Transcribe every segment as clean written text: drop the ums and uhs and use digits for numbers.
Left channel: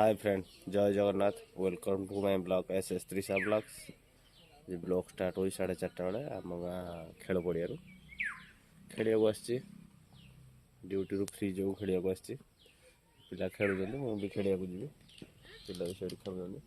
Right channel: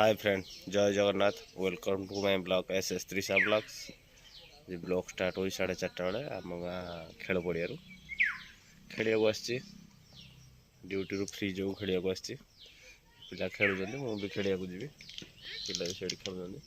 हाय friend, जय Jagannath. Welcome to my blog as Trisha blogs. ये blog start हो 4:30 बेले आम गाँ खेल पड़िया खेल ड्यूटी फ्री जो खेल पिला खेलुँच मुझे खेल जी पिला भी से खेल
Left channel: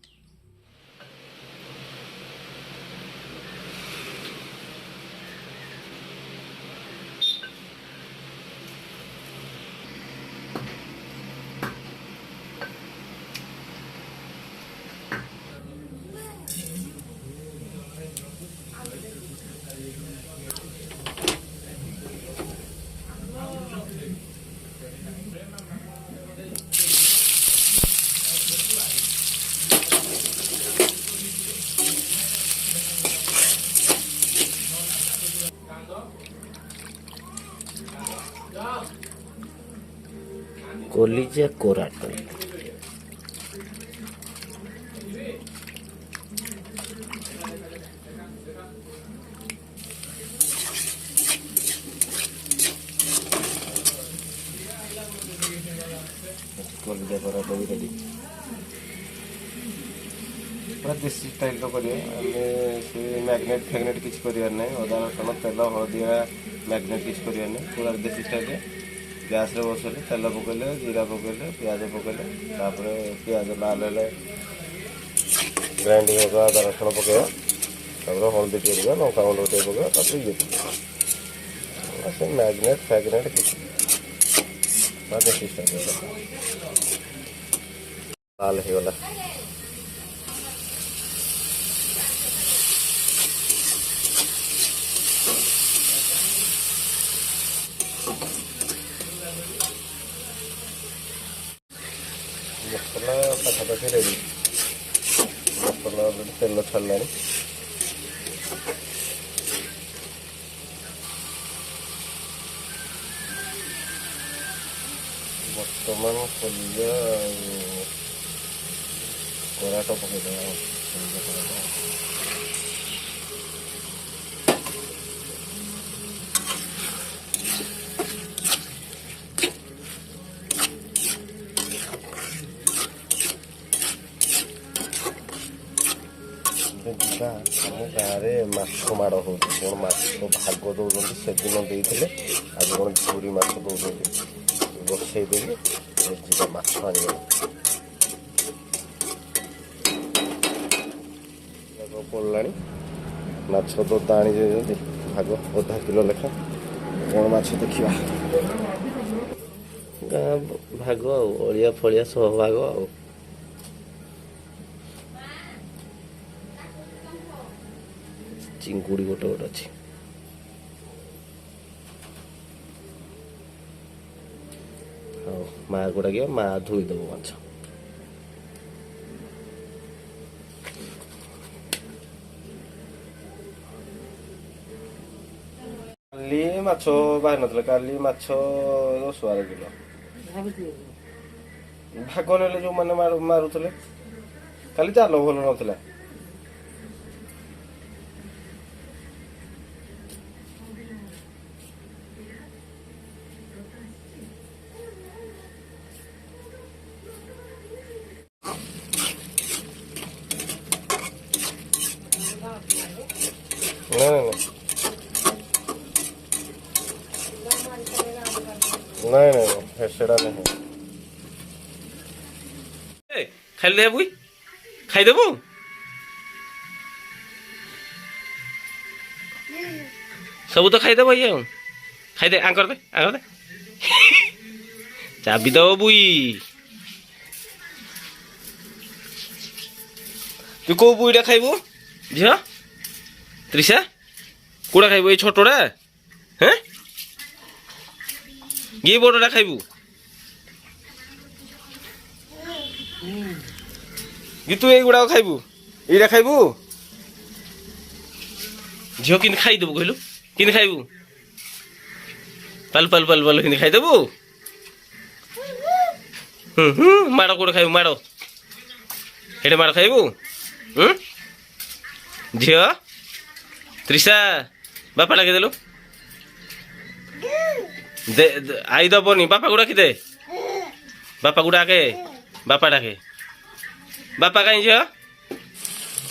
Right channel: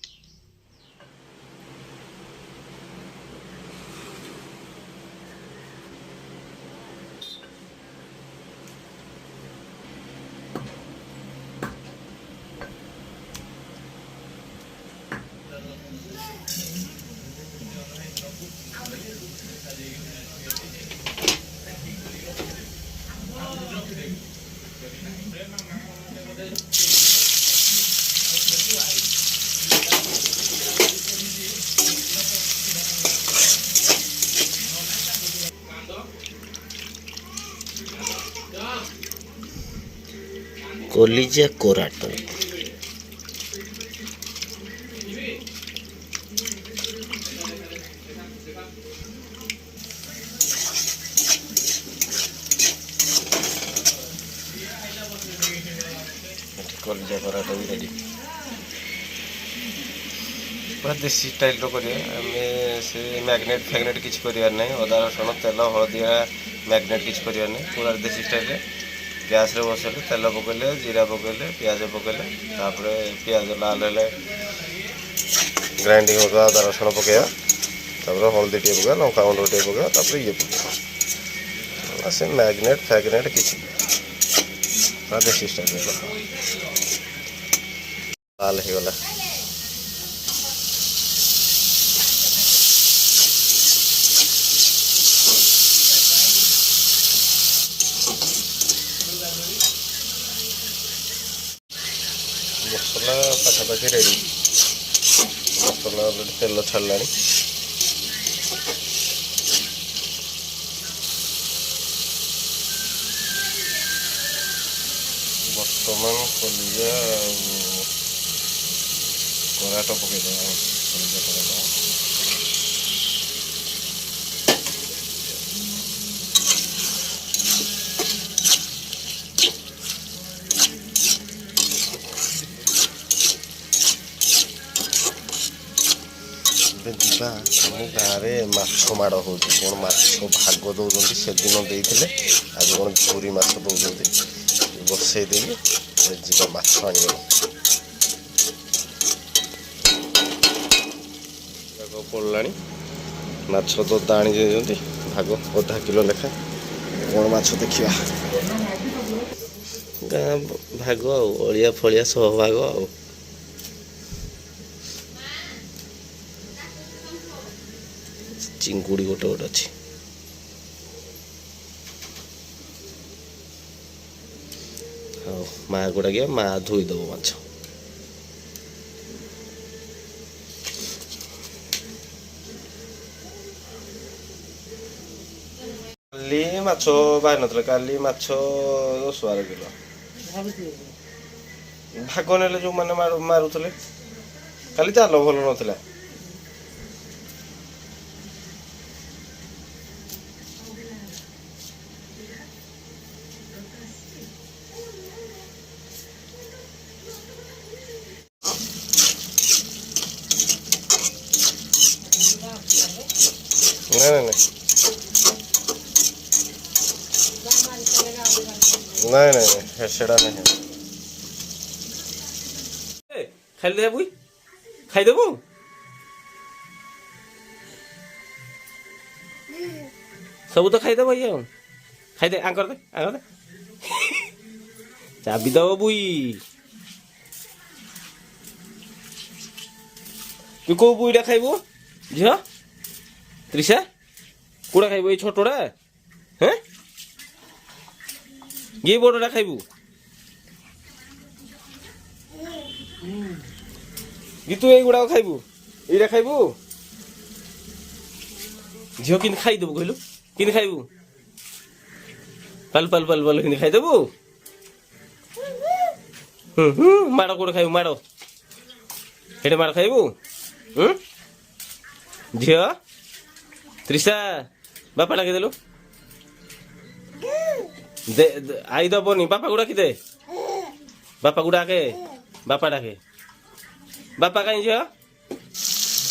कलिजा कोराट कलिजा कोराट भी रेडी पूरा देसी स्टाइल से मैग्नेट फैग्नेट किसी करार ना अदा रसुण तेल हलदिया मैग्नेट किसी करार ना पूरा देसी स्टाइल गैस रे बसैले तेल पकईले जीरा पकईले पियाज पकईले तापर पियाज लाल हेले ग्राइंडिंग होगा अदा रसुण पकड़ा तापर हल्दी टे पकड़ा लंका गुंड टे पकड़ा तापर ये पकड़ा से मैग्नेट फैग्नेट किसी पूरा देसी स्टाइल लाल हो गला मसला पाखापाखि रेडी मसला तेल छाड़ा बर्तमान कलिजा कराट पकईद कलिजा कराट जा आम गाँव में माछ माड़ हो कौन माछ भाग दौरान से दिन देते आज कौन झूरी माछ दौरान बसई दे जा माछ आने पड़ा माछ ददा आनी भाग अधा किलो लेखा कौन माछ देखा गाँ भाग अलिया फलिया सब भाग आ चिंगुड़ी गोटे गोटे अच्छी हाँ माँ गुड़ा गया माँ धोईदेव माछ काली माछ बाहर ना काली माछ 10-12 किलो भाग ने जो मैंने मारुले काली जाल भल ना नहीं नहीं सेड़ा नहीं खाई दे बुई खाईदेबु सब तो खाईदेव ये खाईदे आंकर दे चाबी दब बुई तू कौ बुईटा खाइबु झील त्रिशा कौड़ा खाइबु ये छोटोड़ा हैं ये बड़टा खाइबु कि तू एगुड़ा खाइबु एटा खाइबु झील कि खाईदेबु कहलु कि खाइबु पल पल पल पल कि खाईदेबु माड़ कौड़ खाइबु माड़ हेटे माड़ खाइबु झील त्रिशा बापा डाके देलु आई दबनी बापा गुड़ा कि दे बापा गुड़ा के बापा डाके ବାପା କାହିଁ ଝିଅ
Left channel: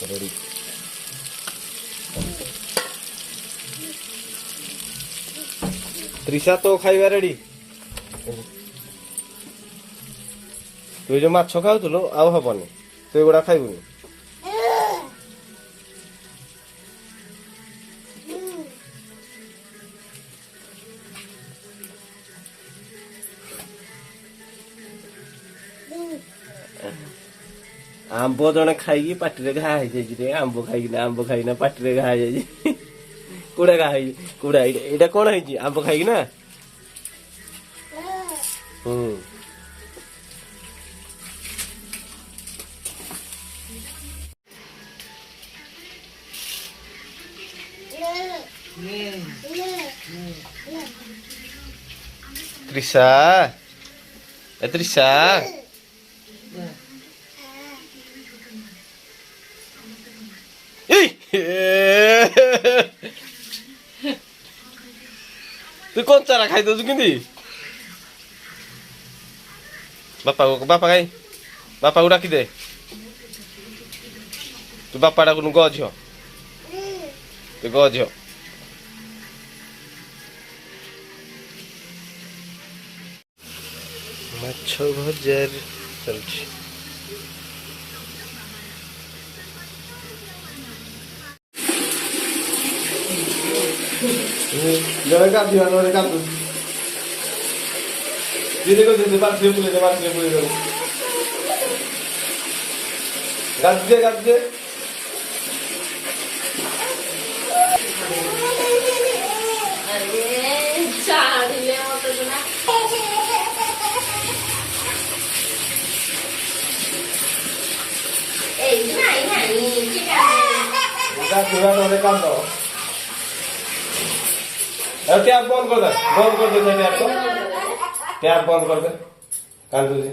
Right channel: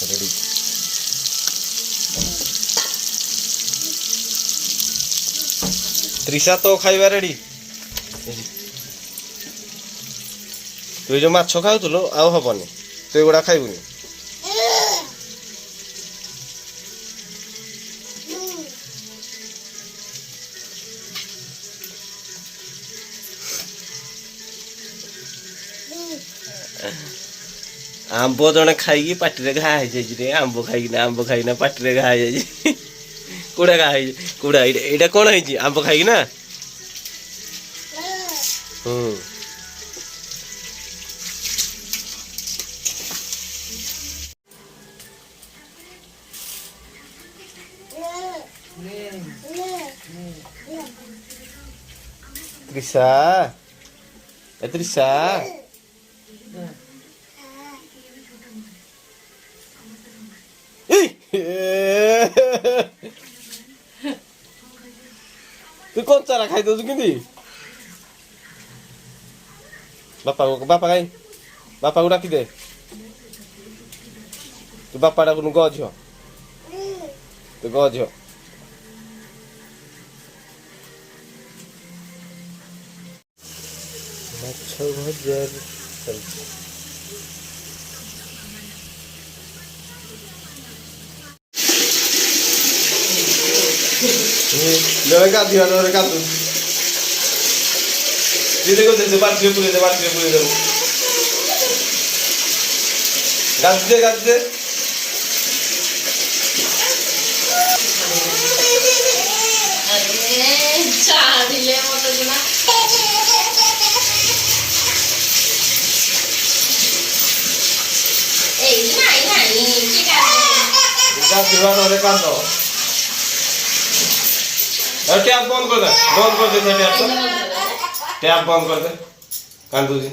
ରେଡି ତ୍ରିଶା ତୋ ଖାଇବା ରେଡି ତୁ ଯୋଉ ମାଛ ଖାଉଥିଲୁ ଆଉ ହବନି ତୁ ଏଗୁଡା ଖାଇବୁନି ଆମ୍ବ ଜଣେ ଖାଇକି ପାଟିରେ ଘା ହେଇଯାଇଛି ରେ ଆମ୍ବ ଖାଇକିନା ପାଟିରେ ଘା ହେଇଯାଇଛି କୋଉଟା ଘା ହେଇଛି କୋଉଟା ଏଇଟା କଣ ହେଇଛି ଆମ୍ବ ଖାଇକି ନା ହୁଁ ତ୍ରିଶା ତ୍ରିଶା ତୁ କଞ୍ଚାରା ଖାଇଦଉଛୁ କେମିତି ବାପା କାଇଁ ବାପାକୁ ଡାକିଦେ ତୁ ବାପା ଡାକୁନୁ ଗ ଝିଅ ତୁ ଗ ଝିଅ ମାଛ ଭଜା ଚାଲିଛି ଜଣେ ଗାଧୋଇବା ଜଣେ ଗାଧୁଛି ଦିଦି କହୁଛି ବାଲ୍ଟିରେ ପୁରେଇ ଦେବୁ ଗାଧି ଦେ ଗାଧୋଇବା ନହେଲେ କାନ୍ଦ ট্যাপ বন্ধ করে দে ট্যাপ বন্ধ করে দে কান্দুজি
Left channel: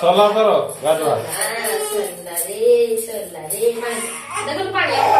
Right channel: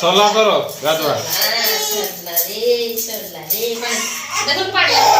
সলা কর গাধুয়া দেখুন পাড়িয়া